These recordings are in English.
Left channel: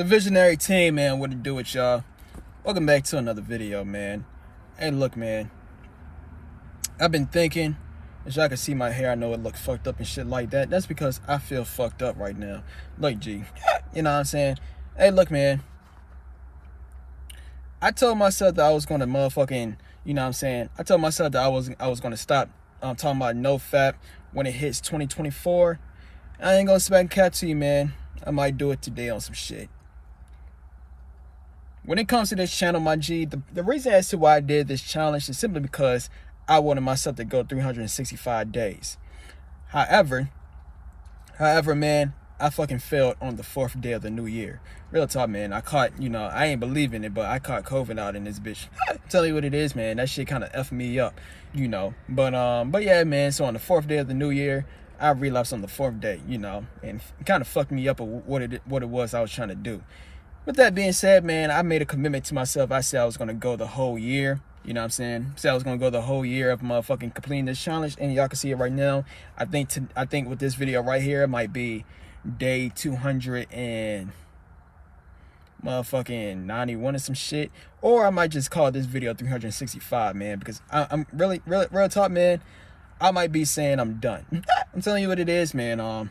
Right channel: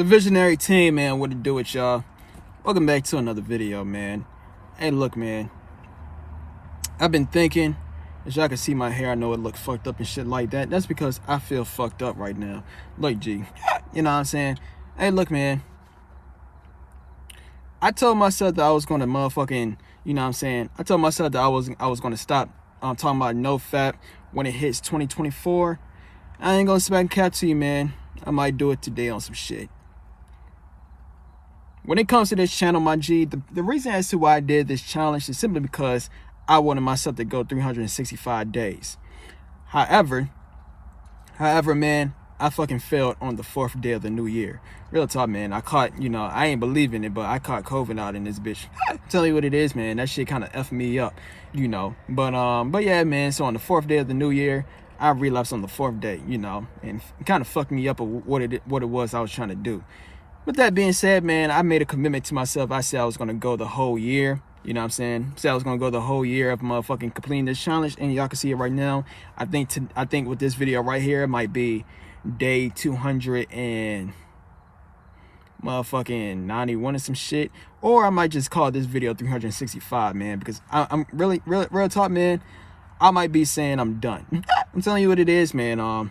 The visionary team, man, what it do with y'all? Welcome back to another video, man. Hey, look, man, I've been thinking, as y'all can see my hair, I know it look fucked up and shit like that. That's because I feel fucked up right now. Look, G, you know what I'm saying? Hey, look, man, I told myself that I was gonna motherfucking, you know what I'm saying? I told myself that I was gonna stop talking about Nofap when it hits 2024. I ain't gonna smack cat to you, man. I might do it today on some shit. When it comes to this channel, my G, the reason as to why I did this challenge is simply because I wanted myself to go 365 days. However, man, I fucking failed on the 4th day of the new year. Real talk, man. I caught, you know, I ain't believing it, but I caught COVID out in this bitch. Tell you what it is, man. That shit kind of effed me up, you know. But yeah, man. So on the 4th day of the new year, I relapsed on the 4th day, you know, and it kind of fucked me up of what it was I was trying to do. With that being said, man, I made a commitment to myself. I said I was going to go the whole year. You know what I'm saying? Said I was going to go the whole year of motherfucking completing this challenge. And y'all can see it right now. I think with this video right here, it might be day 200 and motherfucking 91 or some shit. Or I might just call this video 365, man. Because I'm really, real talk, man. I might be saying I'm done. I'm telling you what it is, man.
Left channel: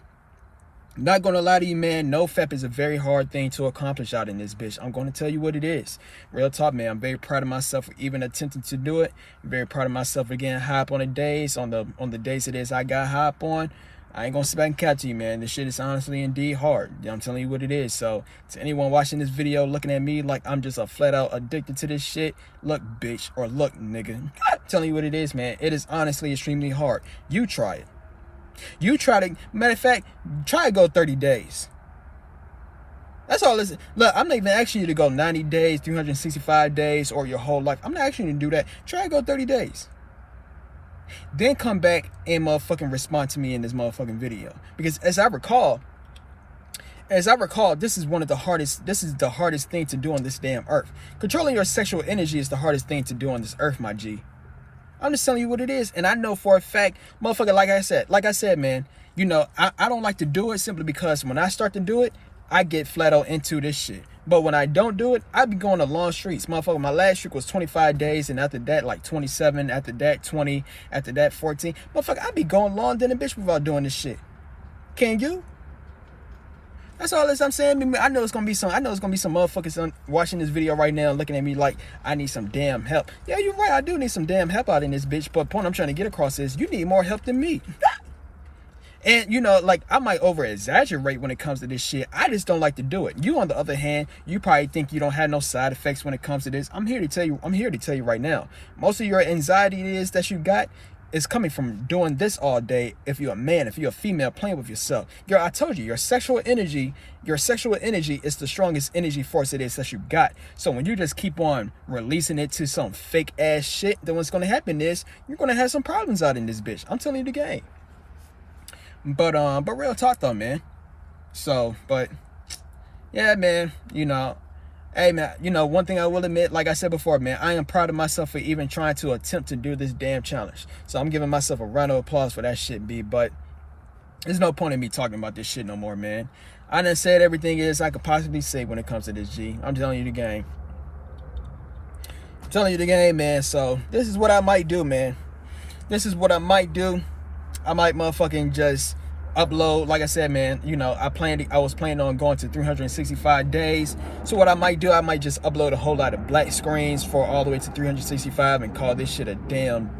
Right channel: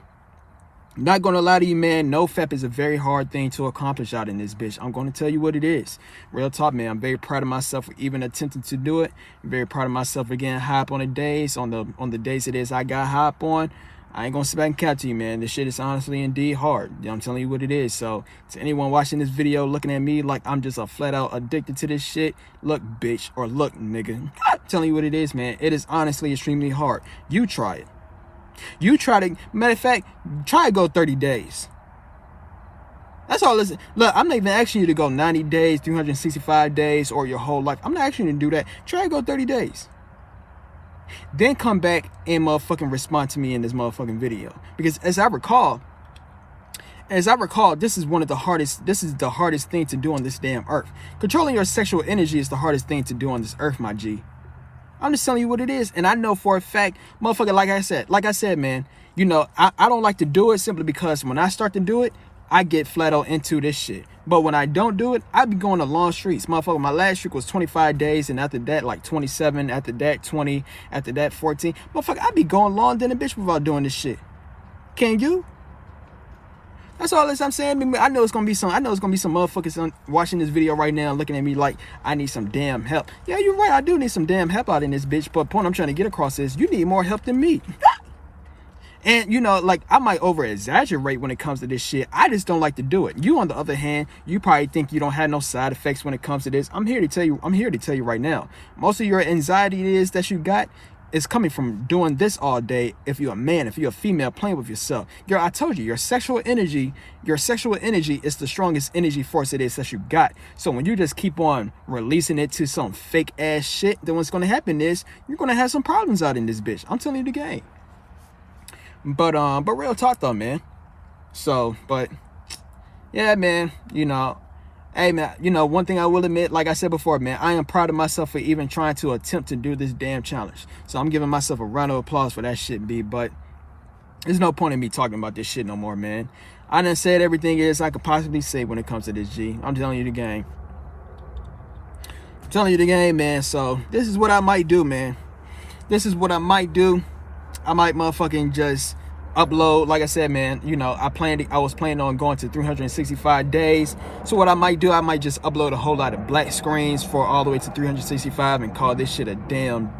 Not gonna lie to you, man, Nofap is a very hard thing to accomplish out in this bitch. I'm gonna tell you what it is. Real talk, man. I'm very proud of myself for even attempting to do it. I'm very proud of myself for getting hype on the days, on the days it is I got hype on. I ain't gonna sit back and catch you, man. This shit is honestly indeed hard. I'm telling you what it is. So to anyone watching this video looking at me like I'm just a flat out addicted to this shit, look, bitch, or look, nigga. I'm telling you what it is, man. It is honestly extremely hard. You try it. You try to, matter of fact, try to go 30 days. That's all. Listen, look, I'm not even asking you to go 90 days, 365 days, or your whole life. I'm not asking you to do that. Try to go 30 days. Then come back and motherfucking respond to me in this motherfucking video. Because as I recall, this is the hardest thing to do on this damn earth. Controlling your sexual energy is the hardest thing to do on this earth, my G. I'm just telling you what it is. And I know for a fact, motherfucker, like I said, man, you know, I don't like to do it simply because when I start to do it, I get flat out into this shit. But when I don't do it, I be going to long streaks. Motherfucker, my last streak was 25 days. And after that, like 27. After that, 20. After that, 14. Motherfucker, I be going long than a bitch without doing this shit. Can you? That's all I'm saying. I know it's gonna be some motherfuckers watching this video right now looking at me like I need some damn help. Yeah, you're right. I do need some damn help out in this bitch. But the point I'm trying to get across is you need more help than me. And you know, like I might over exaggerate when it comes to this shit. I just don't like to do it. You, on the other hand, you probably think you don't have no side effects when it comes to this. I'm here to tell you right now. Most of your anxiety is that you got is coming from doing this all day. If you're a man, if you're a female, playing with yourself. I told you, your sexual energy is the strongest energy force it is that you got. So when you just keep on releasing it to some fake ass shit, then what's gonna happen is you're gonna have some problems out in this bitch. I'm telling you the game. But real talk though, man. So, but yeah, man, you know, hey, man, you know, one thing I will admit, like I said before, man, I am proud of myself for even trying to attempt to do this damn challenge. So I'm giving myself a round of applause for that shit, B. But there's no point in me talking about this shit no more, man. I done said everything is I could possibly say when it comes to this, G. I'm telling you the game. I'm telling you the game, man. So this is what I might do, man. This is what I might do. I might motherfucking just upload, like I said, man, you know, I was planning on going to 365 days. So what I might do, I might just upload a whole lot of black screens for all the way to 365 and call this shit a damn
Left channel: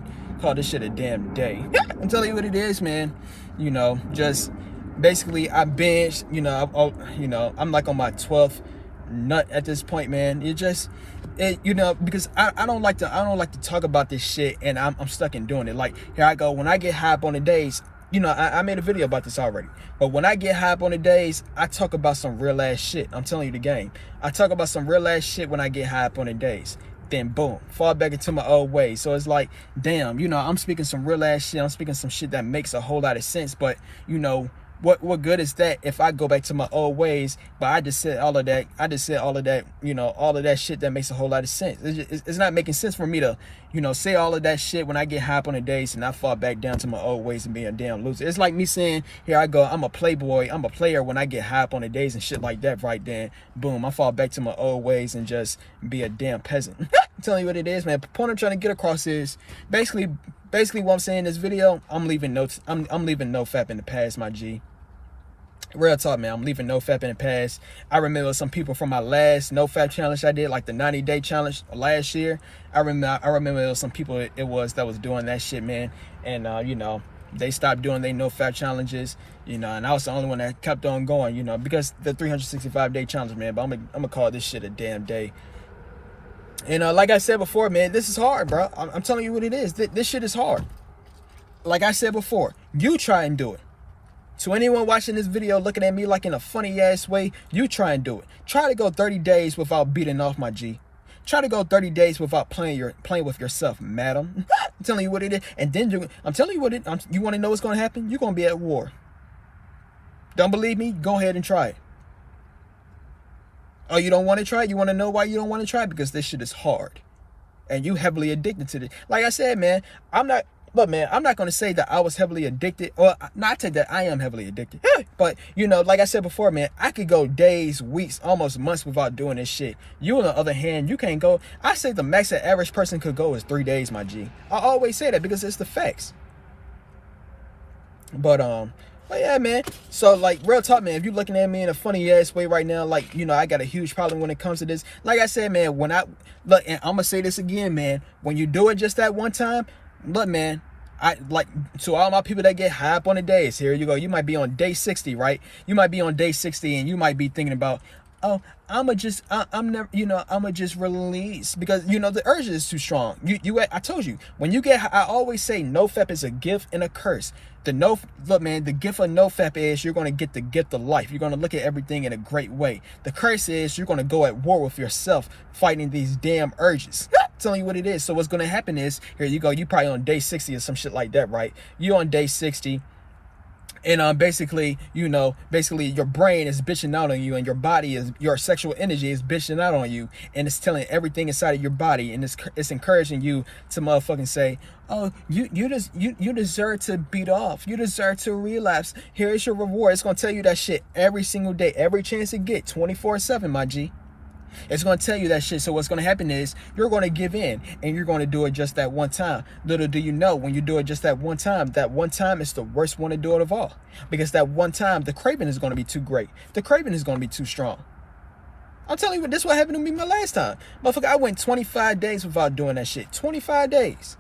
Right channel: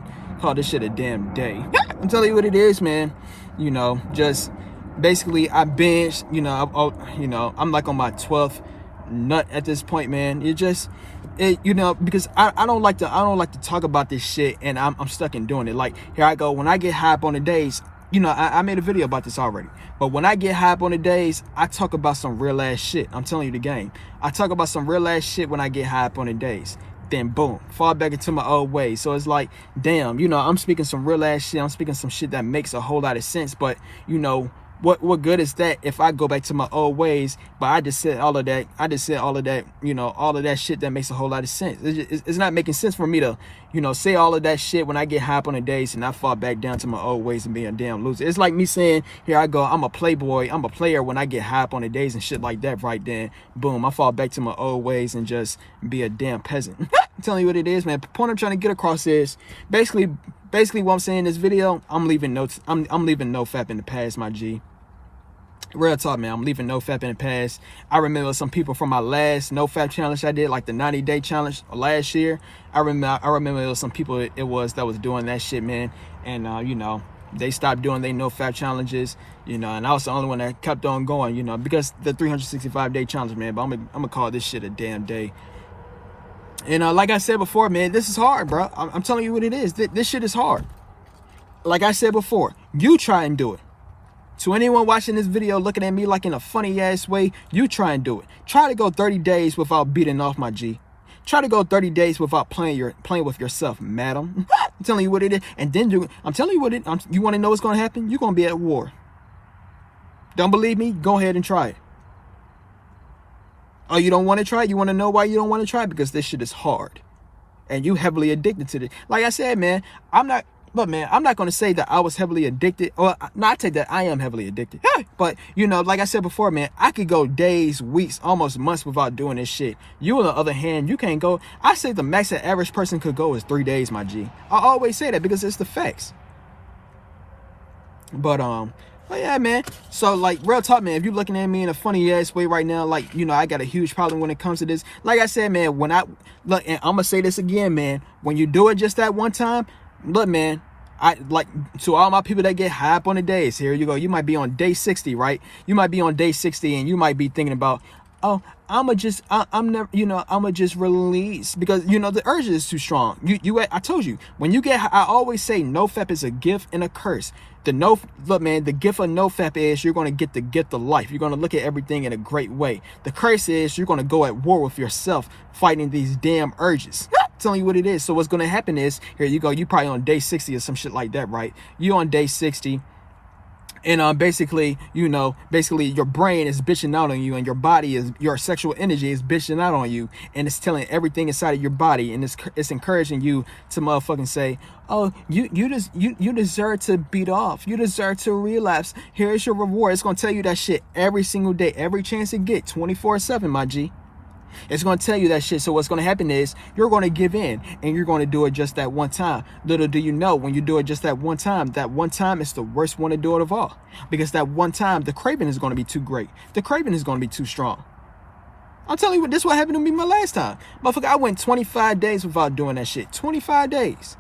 day. I'm telling you what it is, man. You know, just basically I binged, you know, I'm like on my 12th nut at this point, man. You know, because I don't like to talk about this shit and I'm stuck in doing it. Like, here I go, when I get hype on the days, you know, I made a video about this already. But when I get hype on the days, I talk about some real ass shit. I'm telling you the game. I talk about some real ass shit when I get hype on the days. Then boom, fall back into my old ways. So it's like, damn, you know, I'm speaking some real ass shit. I'm speaking some shit that makes a whole lot of sense. But, you know, what good is that if I go back to my old ways? But I just said all of that. I just said all of that, you know, all of that shit that makes a whole lot of sense. It's not making sense for me to, you know, say all of that shit when I get high up on the days and I fall back down to my old ways and be a damn loser. It's like me saying, here I go, I'm a playboy, I'm a player when I get high up on the days and shit like that. Right then, boom, I fall back to my old ways and just be a damn peasant. I'm telling you what it is, man. The point I'm trying to get across is basically what I'm saying in this video. I'm leaving Nofap in the past, my G. Real talk, man. I'm leaving Nofap in the past. I remember some people from my last Nofap challenge I did, like the 90-day challenge last year. I remember there was some people that was doing that shit, man. And you know, they stopped doing their Nofap challenges, you know, and I was the only one that kept on going, you know, because the 365-day challenge, man. But I'm gonna call this shit a damn day. And like I said before, man, this is hard, bro. I'm telling you what it is. This shit is hard. Like I said before, you try and do it. To anyone watching this video looking at me like in a funny ass way, you try and do it. Try to go 30 days without beating off, my G. Try to go 30 days without playing with yourself, madam. I'm telling you what it is. And then I'm telling you what you want to know what's going to happen? You're going to be at war. Don't believe me? Go ahead and try it. Oh, you don't want to try it? You want to know why you don't want to try it? Because this shit is hard. And you heavily addicted to this. Like I said, man, I'm not going to say that I was heavily addicted. Or, no, I take that I am heavily addicted. But, you know, like I said before, man, I could go days, weeks, almost months without doing this shit. You, on the other hand, you can't go. I say the max that average person could go is 3 days, my G. I always say that because it's the facts. But yeah, man. So, like, real talk, man, if you're looking at me in a funny ass way right now, like, you know, I got a huge problem when it comes to this. Like I said, man, when I look, and I'm gonna say this again, man, when you do it just that one time, look, man, I like, to all my people that get high up on the days, here you go. You might be on day 60, right? You might be on day 60 and you might be thinking about, oh, I'm never, you know, I'ma just release, because, you know, the urge is too strong. I told you, when you get, I always say Nofap is a gift and a curse. Look, man, the gift of Nofap is you're going to get the gift of life. You're going to look at everything in a great way. The curse is you're going to go at war with yourself, fighting these damn urges. Telling you what it is. So what's going to happen is, here you go, you probably on day 60 or some shit like that, right? You on day 60. And basically, you know, your brain is bitching out on you, and your sexual energy is bitching out on you, and it's telling everything inside of your body, and it's encouraging you to motherfucking say, oh, you deserve to beat off, you deserve to relapse. Here is your reward. It's gonna tell you that shit every single day, every chance it get, 24/7, my G. It's going to tell you that shit. So what's going to happen is you're going to give in, and you're going to do it just that one time. Little do you know, when you do it just that one time is the worst one to do it of all. Because that one time, the craving is going to be too great. The craving is going to be too strong. I'll tell you what, this is what happened to me my last time. Motherfucker, I went 25 days without doing that shit. 25 days.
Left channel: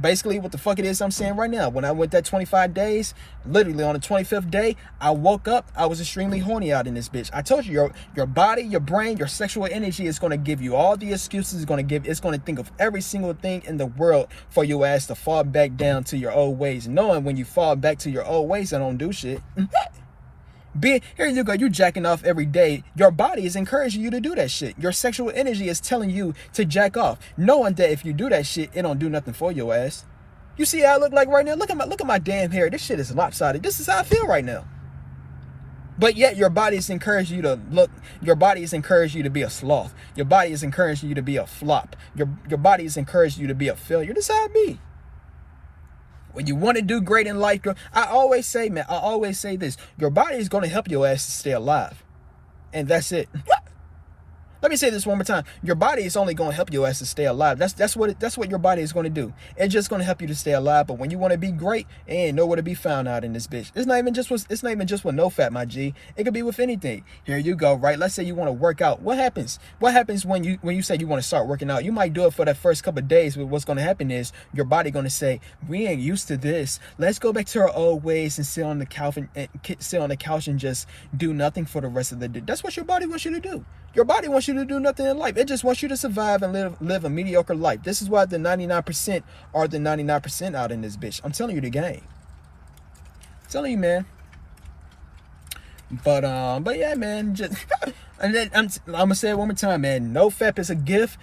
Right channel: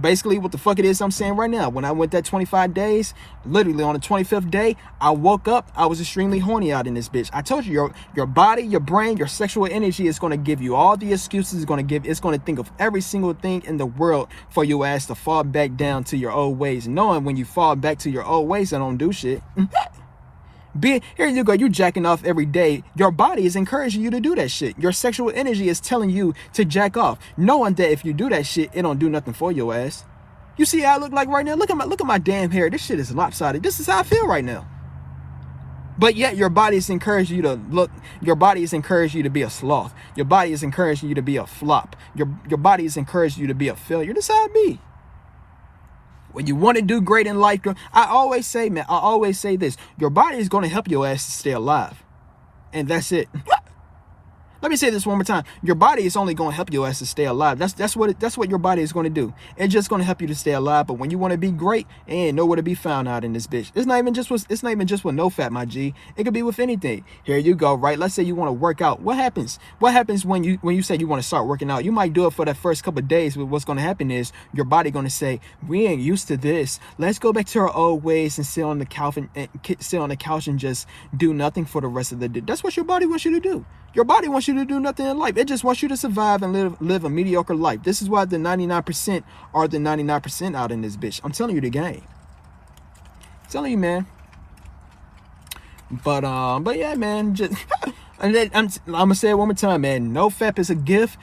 Basically what the fuck it is I'm saying right now. When I went that 25 days, literally on the 25th day, I woke up, I was extremely horny out in this bitch. I told you, your body, your brain, your sexual energy is going to give you all the excuses. It's going to think of every single thing in the world for your ass to fall back down to your old ways, knowing when you fall back to your old ways, I don't do shit. Here you go, you jacking off every day. Your body is encouraging you to do that shit. Your sexual energy is telling you to jack off, knowing that if you do that shit, it don't do nothing for your ass. You see how I look like right now? Look at my damn hair. This shit is lopsided. This is how I feel right now. But yet your body is encouraging you to look. Your body is encouraging you to be a sloth. Your body is encouraging you to be a flop. Your body is encouraging you to be a failure. This is how it be. When you want to do great in life, I always say, man, I always say this. Your body is going to help your ass to stay alive. And that's it. Let me say this one more time. Your body is only going to help your ass to stay alive. That's what your body is going to do. It's just going to help you to stay alive. But when you want to be great, it ain't nowhere to be found out in this bitch. It's not even just with Nofap, my G. It could be with anything. Here you go, right? Let's say you want to work out. What happens? What happens when you say you want to start working out? You might do it for that first couple of days, but what's going to happen is your body going to say, we ain't used to this. Let's go back to our old ways and sit on the couch and just do nothing for the rest of the day. That's what your body wants you to do. Your body wants you to do nothing in life. It just wants you to survive and live a mediocre life. This is why the 99% are the 99% out in this bitch. I'm telling you the game. I'm telling you, man. But yeah, man. Just I'm gonna say it one more time, man. Nofap is a gift.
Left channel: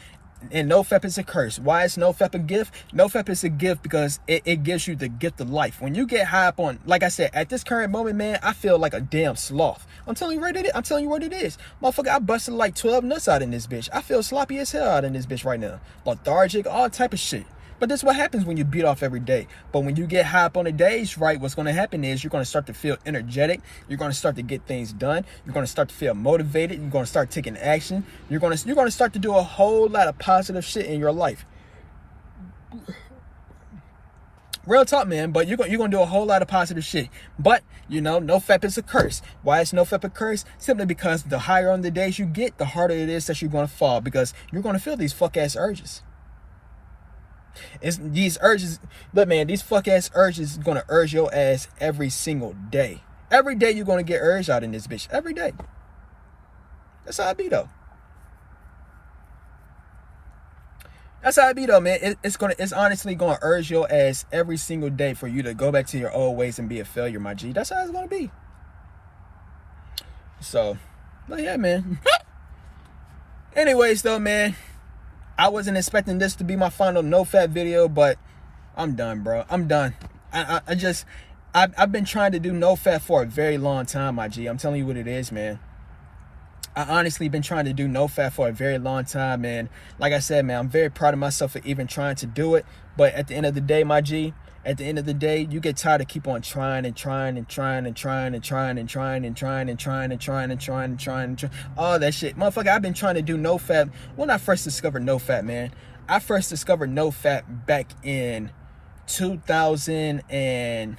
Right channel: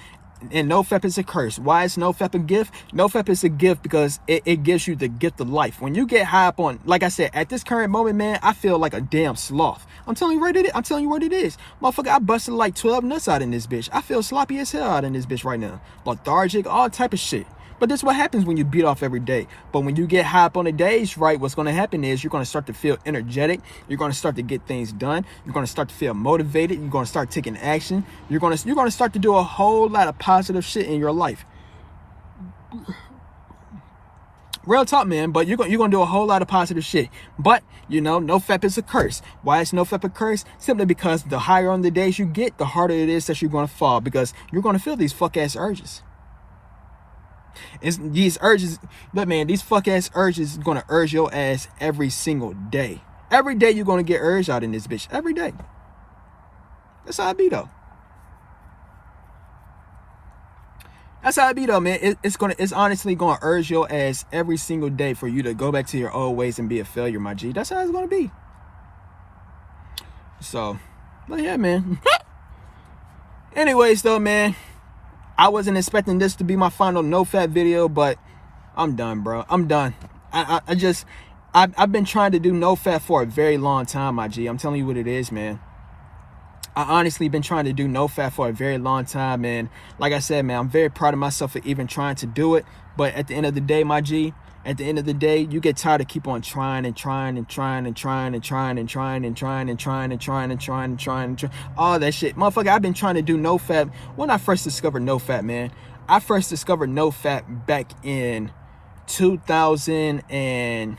And Nofap is a curse. Why is Nofap a gift? Nofap is a gift because it gives you the gift of life. When you get high up on, like I said, at this current moment, man, I feel like a damn sloth. I'm telling you what it is. I'm telling you what it is. Motherfucker, I busted like 12 nuts out in this bitch. I feel sloppy as hell out in this bitch right now. Lethargic, all type of shit. But that's what happens when you beat off every day. But when you get high up on the days, right, what's going to happen is you're going to start to feel energetic. You're going to start to get things done. You're going to start to feel motivated. You're going to start taking action. You're going to start to do a whole lot of positive shit in your life. Real talk, man. But you're going to do a whole lot of positive shit. But, you know, Nofap is a curse. Why is Nofap a curse? Simply because the higher on the days you get, the harder it is that you're going to fall. Because you're going to feel these fuck-ass urges. It's these urges, look, man, these fuck-ass urges is going to urge your ass every single day. Every day you're going to get urged out in this bitch. Every day. That's how it be, though. That's how it be, though, man. It's honestly going to urge your ass every single day for you to go back to your old ways and be a failure, my G. That's how it's going to be. So, but yeah, man. Anyways, though, man, I wasn't expecting this to be my final Nofap video, but I'm done, bro. I'm done. I've been trying to do Nofap for a very long time, my G. I'm telling you what it is, man. I honestly been trying to do Nofap for a very long time, man. Like I said, man, I'm very proud of myself for even trying to do it. But at the end of the day, my G, at the end of the day, you get tired of keep on trying and trying and trying and trying and trying and trying and trying and trying and trying and trying and trying and trying all that shit. Motherfucker, I've been trying to do Nofap when I first discovered Nofap, man. I first discovered Nofap back in 2000 and...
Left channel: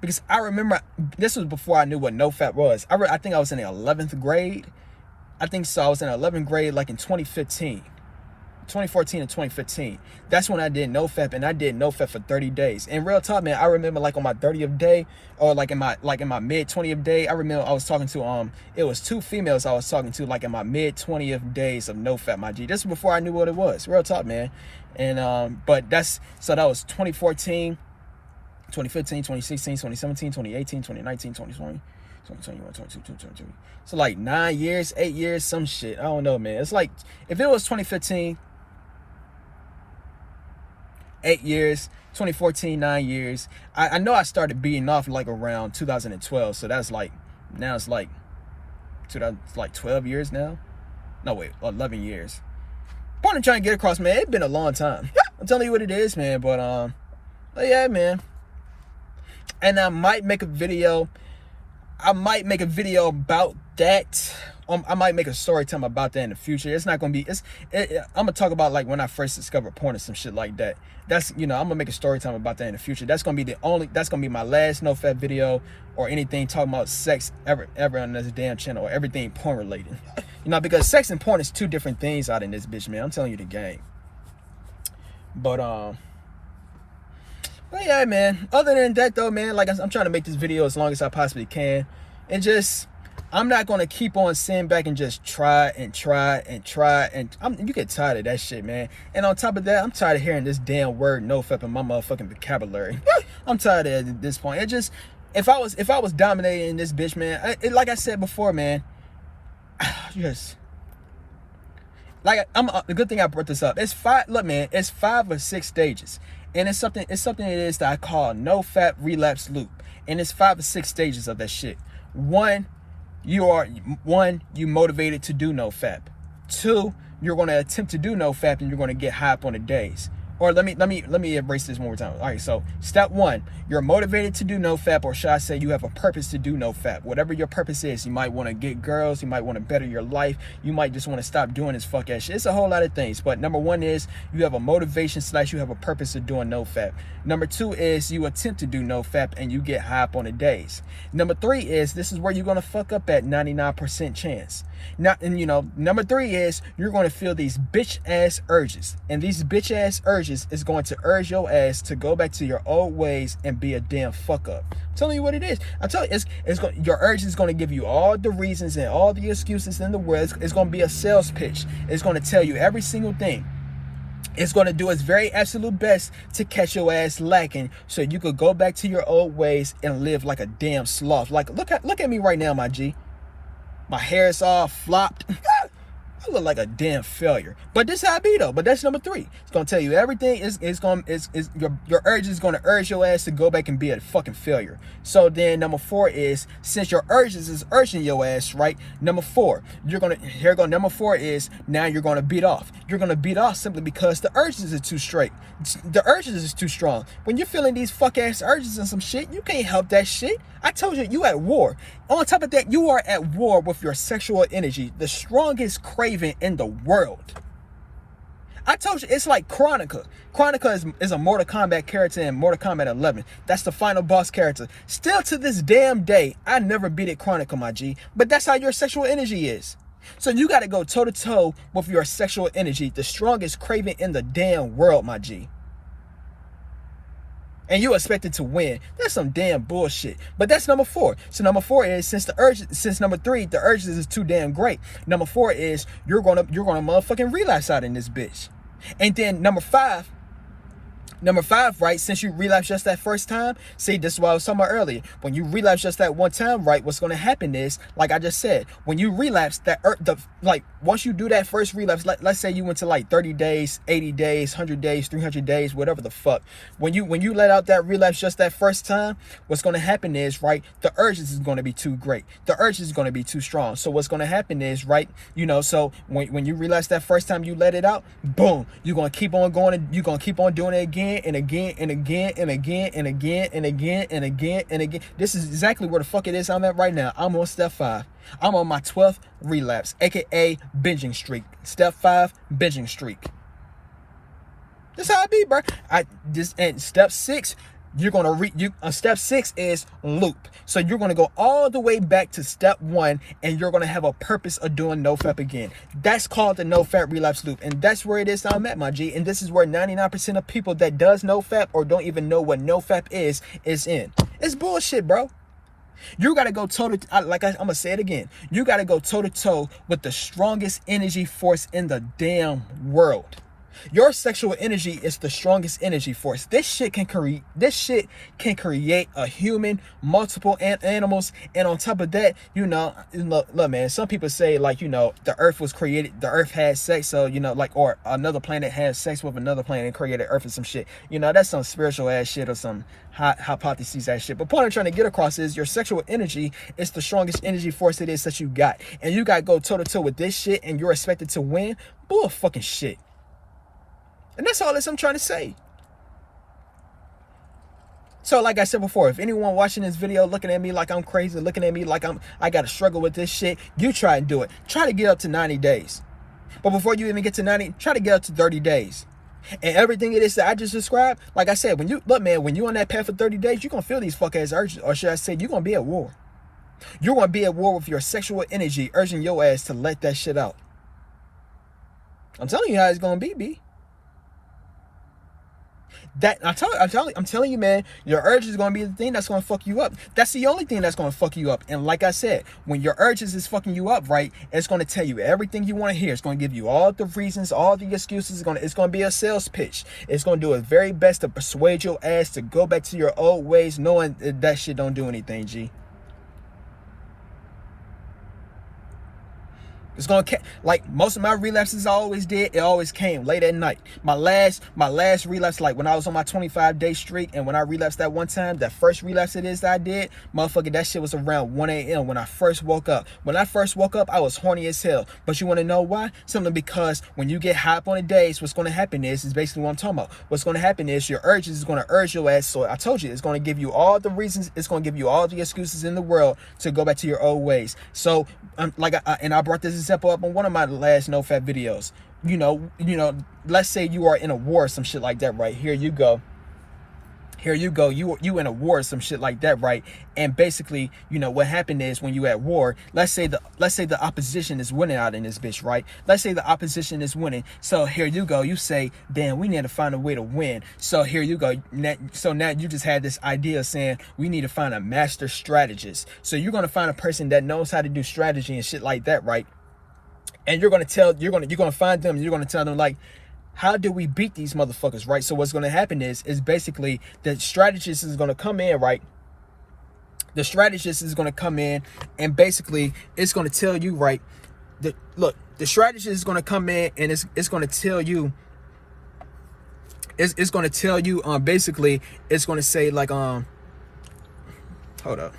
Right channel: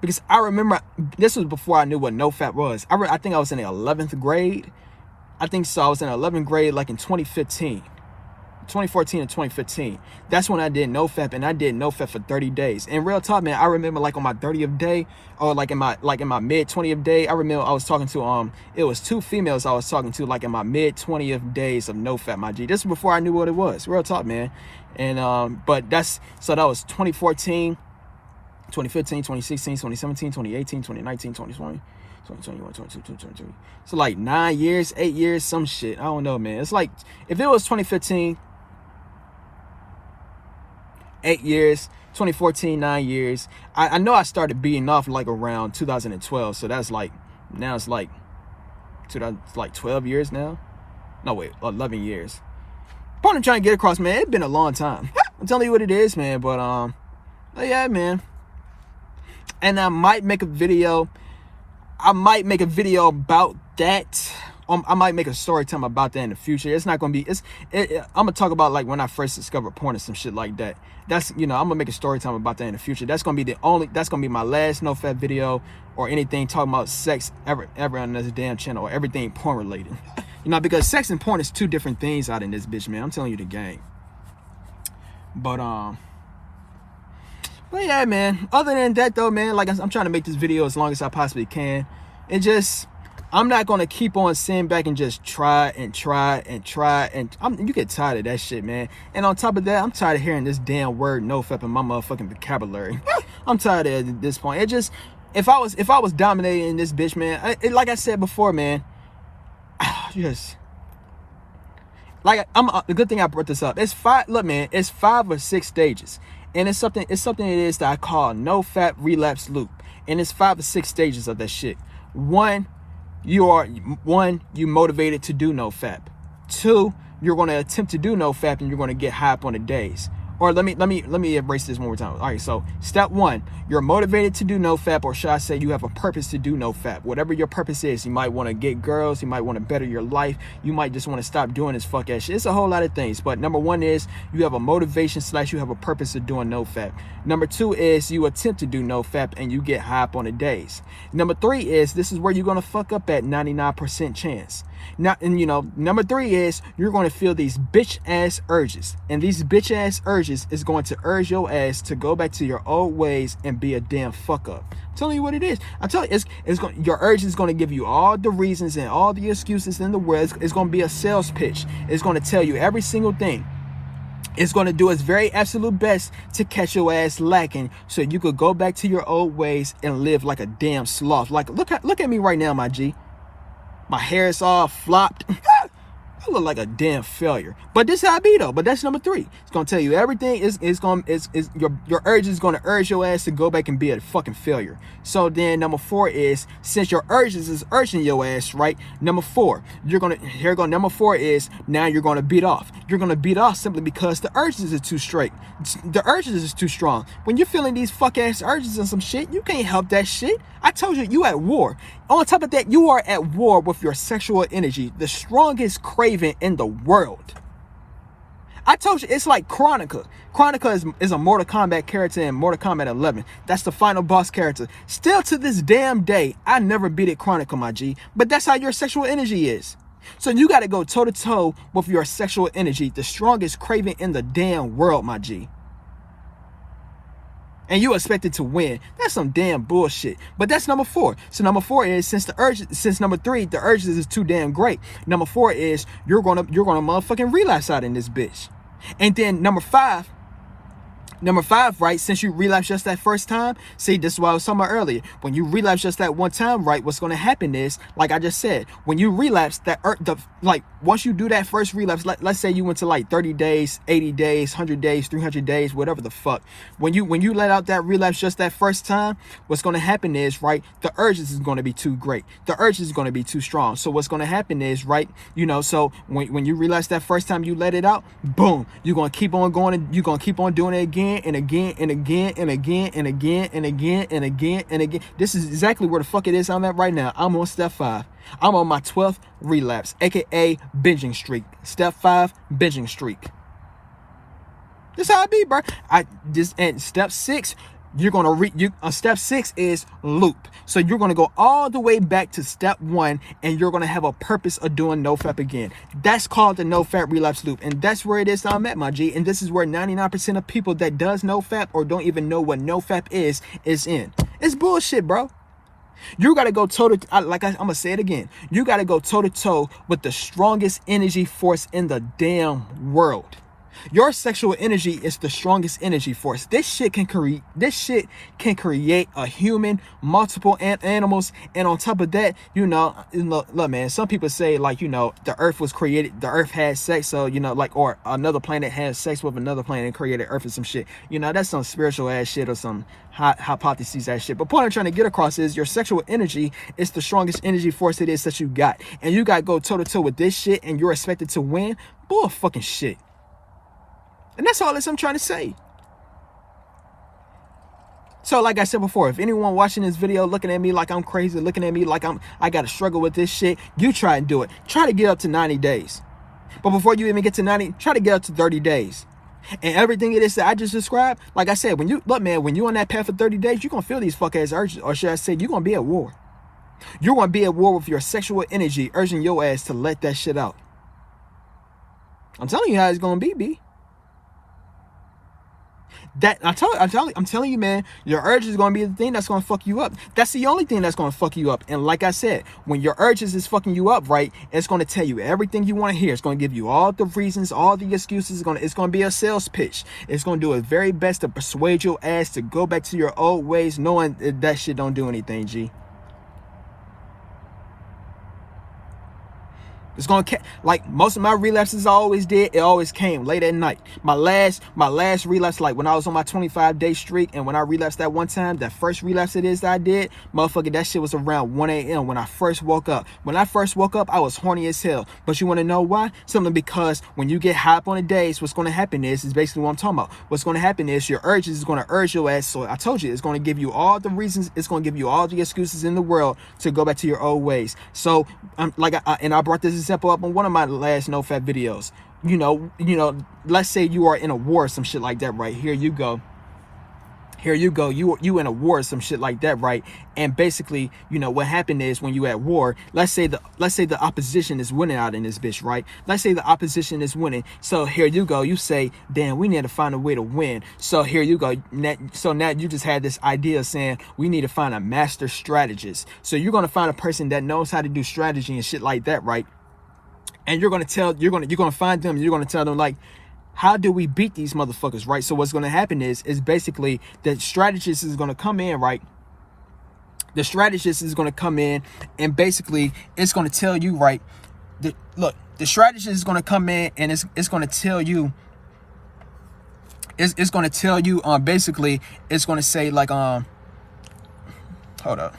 Because I remember, this was before I knew what Nofap was. I think I was in the 11th grade. I think so. I was in 11th grade like in 2014 and 2015. That's when I did Nofap, and I did Nofap for 30 days. And real talk, man, I remember like on my 30th day, or like in my mid 20th day, I remember I was talking to it was 2 females I was talking to like in my mid 20th days of Nofap, my G. This was before I knew what it was. Real talk, man. And but that was 2014. 2015, 2016, 2017, 2018, 2019, 2020, 2021, 2022, 2023. So like 9 years, 8 years, some shit. I don't know, man. It's like, if it was 2015, 8 years, 2014, 9 years. I know I started beating off like around 2012. So that's like, now it's like 12 years now. No, wait, 11 years. Point I'm trying to get across, man, it's been a long time. I'm telling you what it is, man. But yeah, man. And I might make a video. About that. I might make a story time about that in the future. It's not gonna be. I'm gonna talk about like when I first discovered porn and some shit like that. That's, you know, I'm gonna make a story time about that in the future. That's gonna be that's gonna be my last Nofap video or anything talking about sex ever on this damn channel, or everything porn related. You know, because sex and porn is 2 different things out in this bitch, man. I'm telling you the game. But yeah, man. Other than that, though, man, like I'm trying to make this video as long as I possibly can. And I'm not going to keep on sitting back and just try. And you get tired of that shit, man. And on top of that, I'm tired of hearing this damn word Nofap in my motherfucking vocabulary. I'm tired of it at this point. If I was dominating this bitch, man, like I said before, man, just... Like, the good thing I brought this up. It's 5 or 6 stages. And it's something it is that I call Nofap relapse loop. And it's 5 or 6 stages of that shit. 1, you motivated to do Nofap. 2, you're going to attempt to do Nofap and you're going to get high up on the days. Or let me erase this one more time. All right, so step 1, you're motivated to do Nofap, or should I say you have a purpose to do Nofap. Whatever your purpose is, you might want to get girls, you might want to better your life, you might just want to stop doing this fuck ass shit. It's a whole lot of things, but number 1 is you have a motivation / you have a purpose of doing Nofap. Number 2 is you attempt to do Nofap and you get high up on the days. Number 3 is this is where you're gonna fuck up at 99% chance. Now, and you know, number 3 is you're going to feel these bitch ass urges, and these bitch ass urges is going to urge your ass to go back to your old ways and be a damn fuck up. I'm telling you what it is. I tell you, your urge is going to give you all the reasons and all the excuses in the world. It's going to be a sales pitch. It's going to tell you every single thing. It's going to do its very absolute best to catch your ass lacking, so you could go back to your old ways and live like a damn sloth. Like, look at me right now, my G. My hair is all flopped. I look like a damn failure. But this how I be though. But that's number 3. It's gonna tell you everything. Your urge is gonna urge your ass to go back and be a fucking failure. So then number 4 is, since your urges is urging your ass, right? Number 4, number 4 is, now you're gonna beat off. You're gonna beat off simply because the urges are too straight. The urges is too strong. When you're feeling these fuck ass urges and some shit, you can't help that shit. I told you, you at war. On top of that, you are at war with your sexual energy, the strongest craving in the world. I told you, it's like Chronica. Chronica is a Mortal Kombat character in Mortal Kombat 11. That's the final boss character. Still to this damn day, I never beat it Chronica, my G. But that's how your sexual energy is. So you got to go toe to toe with your sexual energy, the strongest craving in the damn world, my G. And you expected to win. That's some damn bullshit. But that's number 4. So number 4 is, since number 3, the urges is too damn great. Number 4 is, you're gonna motherfucking relapse out in this bitch. And then number 5, right, since you relapse just that first time, see, this is what I was talking about earlier. When you relapse just that one time, right, what's going to happen is, like I just said, when you relapse, once you do that first relapse, let's say you went to like 30 days, 80 days, 100 days, 300 days, whatever the fuck. When you let out that relapse just that first time, what's going to happen is, right, the urges is going to be too great. The urges is going to be too strong. So what's going to happen is, right, so when you relapse that first time you let it out, boom, you're going to keep on going and you're going to keep on doing it again and again and again and again and again and again and again and again. This is exactly where the fuck it is I'm at right now. I'm on step 5. I'm on my 12th relapse, aka binging streak. Step 5, binging streak. This how I be, bro. And step 6, step 6 is loop. So you're gonna go all the way back to step 1, and you're gonna have a purpose of doing Nofap again. That's called the Nofap relapse loop, and that's where it is I'm at, my G. And this is where 99% of people that does Nofap or don't even know what Nofap is in. It's bullshit, bro. You gotta go toe to, I'm gonna say it again. You gotta go toe to toe with the strongest energy force in the damn world. Your sexual energy is the strongest energy force. This shit can create a human, multiple animals, and on top of that, look, man, some people say, like, the earth was created, the earth had sex, so, or another planet had sex with another planet and created earth or some shit. That's some spiritual ass shit or some hypotheses ass shit. But point I'm trying to get across is your sexual energy is the strongest energy force it is that you got. And you gotta go toe to toe with this shit and you're expected to win. Bull fucking shit. And that's all I'm trying to say. So like I said before, if anyone watching this video looking at me like I'm crazy, looking at me like I got to struggle with this shit, you try and do it. Try to get up to 90 days. But before you even get to 90, try to get up to 30 days. And everything it is that I just described, like I said, when you on that path for 30 days, you're going to feel these fuck ass urges. Or should I say, you're going to be at war. You're going to be at war with your sexual energy, urging your ass to let that shit out. I'm telling you how it's going to be, B. I'm telling you, man, your urge is going to be the thing that's going to fuck you up. That's the only thing that's going to fuck you up. And like I said, when your urges is fucking you up, right, it's going to tell you everything you want to hear. It's going to give you all the reasons, all the excuses. It's going to be a sales pitch. It's going to do its very best to persuade your ass to go back to your old ways, knowing that shit don't do anything, G. It's gonna like most of my relapses I always did. It always came late at night. My last relapse, like when I was on my 25-day streak, and when I relapsed that one time, that first relapse it is that I did, motherfucker, that shit was around 1 a.m. when I first woke up. When I first woke up, I was horny as hell. But you want to know why? Simply because when you get high up on the days, what's gonna happen is basically what I'm talking about. What's gonna happen is your urges is gonna urge your ass. So I told you, it's gonna give you all the reasons. It's gonna give you all the excuses in the world to go back to your old ways. So I brought this example up on one of my last Nofap videos. Let's say you are in a war or some shit like that, right? Here you go. You in a war or some shit like that, right? And basically, what happened is when you at war, let's say the opposition is winning out in this bitch, right? Let's say the opposition is winning. So here you go. You say, damn, we need to find a way to win. So here you go. So now you just had this idea saying we need to find a master strategist. So you're going to find a person that knows how to do strategy and shit like that, right? And you're going to find them. You're going to tell them, like, how do we beat these motherfuckers, right? So what's going to happen is basically the strategist is going to come in, right? The strategist is going to come in and basically it's going to tell you, right, the strategist is going to come in and it's going to tell you, it's going to tell you, basically, it's going to say like, hold up.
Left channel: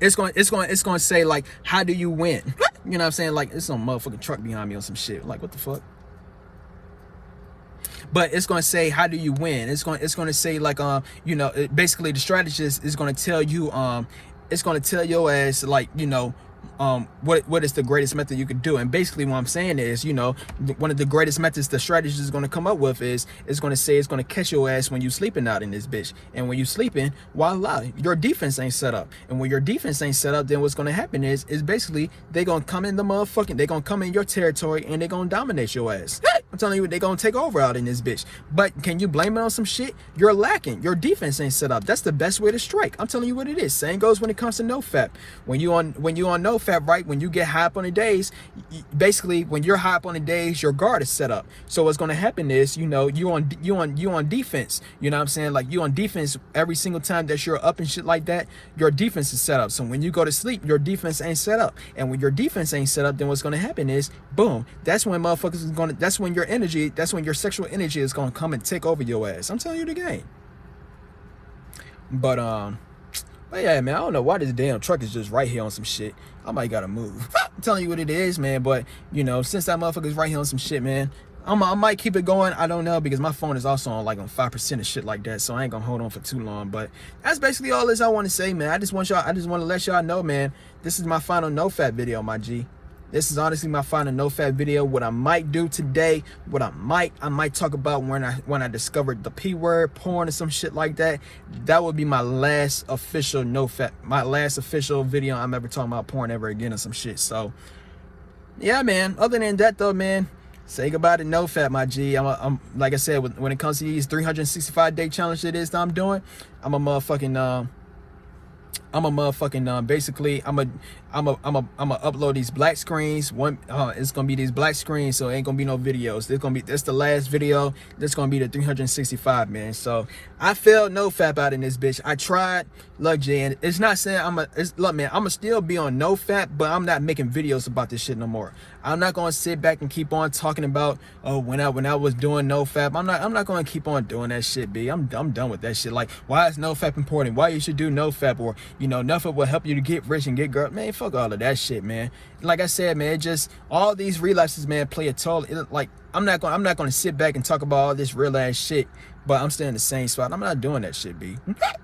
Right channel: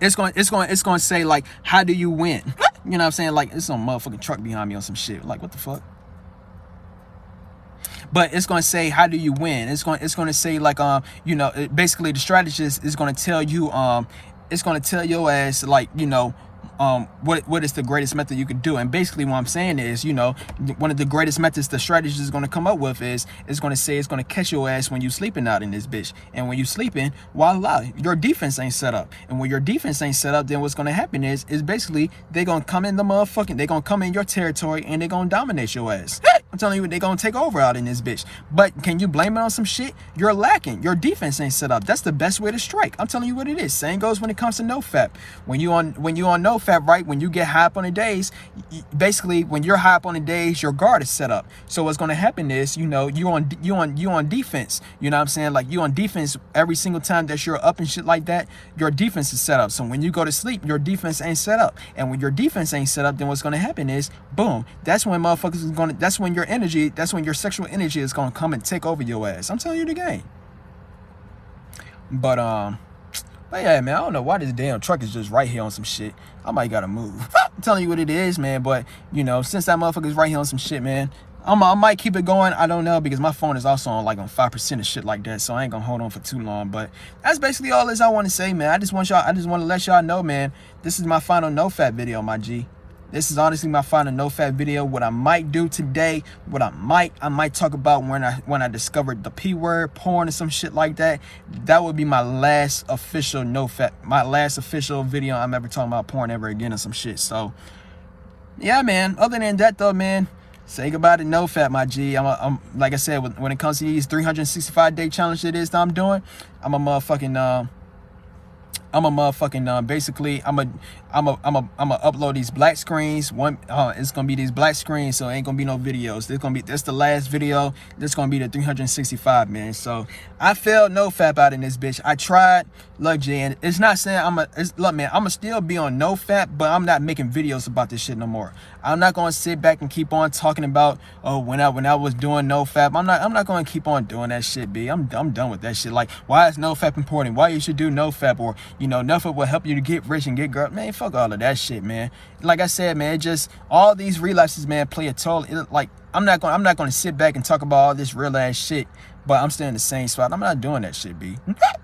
It's going to say like, how do you win? You know what I'm saying? Like, it's some motherfucking truck behind me on some shit. Like, what the fuck? But it's going to say, how do you win? It's going to say like, you know, basically the strategist is going to tell you, it's going to tell your ass like, you know, what is the greatest method you could do. And basically what I'm saying is, you know, one of the greatest methods the strategist is going to come up with is, it's going to say it's going to catch your ass when you sleeping out in this bitch. And when you sleeping, voila, your defense ain't set up. And when your defense ain't set up, then what's going to happen is basically they going to come in the motherfucking, they going to come in your territory and they going to dominate your ass. I'm telling you, they going to take over out in this bitch. But can you blame it on some shit? You're lacking. Your defense ain't set up. That's the best way to strike. I'm telling you what it is. Same goes when it comes to Nofap. When you on Nofap, right? When you get high up on the days, basically when you're high up on the days, your guard is set up. So what's going to happen is, you know, you on defense. You know what I'm saying? Like, you on defense every single time that you're up and shit like that. Your defense is set up. So when you go to sleep, your defense ain't set up. And when your defense ain't set up, then what's going to happen is, boom, that's when motherfuckers is going to, that's when your energy, that's when your sexual energy is going to come and take over your ass. I'm telling you the game. But yeah, man, I don't know why this damn truck is just right here on some shit. I might gotta move. I'm telling you what it is, man. But, you know, since that motherfucker's right here on some shit, man, I might keep it going. I don't know, because my phone is also on like on 5% and shit like that. So I ain't gonna hold on for too long. But that's basically all this I want to say, man. I just want to let y'all know, man, this is my final Nofap video, my G. This is honestly my final Nofap video. What I might do today, I might talk about when I discovered the P word, porn, or some shit like that. That would be my last official Nofap, my last official video I'm ever talking about porn ever again or some shit. So yeah, man. Other than that though, man, say goodbye to Nofap, my G. I'm like I said, when it comes to these 365-day challenge it is that I'm doing, I'm a motherfucking basically I'm a upload these black screens. It's gonna be these black screens, so it ain't gonna be no videos. This the last video. This gonna be the 365, man. So I failed Nofap out in this bitch. I tried. Look, Jan, it's not saying look, man, I'ma still be on Nofap, but I'm not making videos about this shit no more. I'm not gonna sit back and keep on talking about, oh, when I was doing Nofap. I'm not gonna keep on doing that shit, B. I'm done with that shit. Like, why is Nofap important? Why you should do Nofap? Or, you know, Nofap will help you to get rich and get girls. Man, fuck all of that shit, man. Like I said, man, just all these relapses, man, play a toll. Like, I'm not gonna sit back and talk about all this real ass shit, but I'm still in the same spot. I'm not doing that shit, B.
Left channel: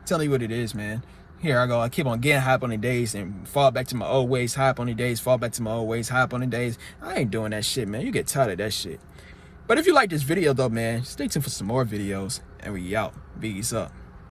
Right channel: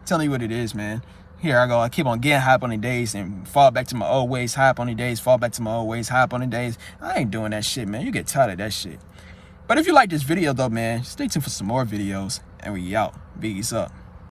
Telling you what it is, man. Here I go. I keep on getting high up on the days and fall back to my old ways, high up on the days, fall back to my old ways, high up on the days. I ain't doing that shit, man. You get tired of that shit. But if you like this video though, man, stay tuned for some more videos, and we out. Biggies up.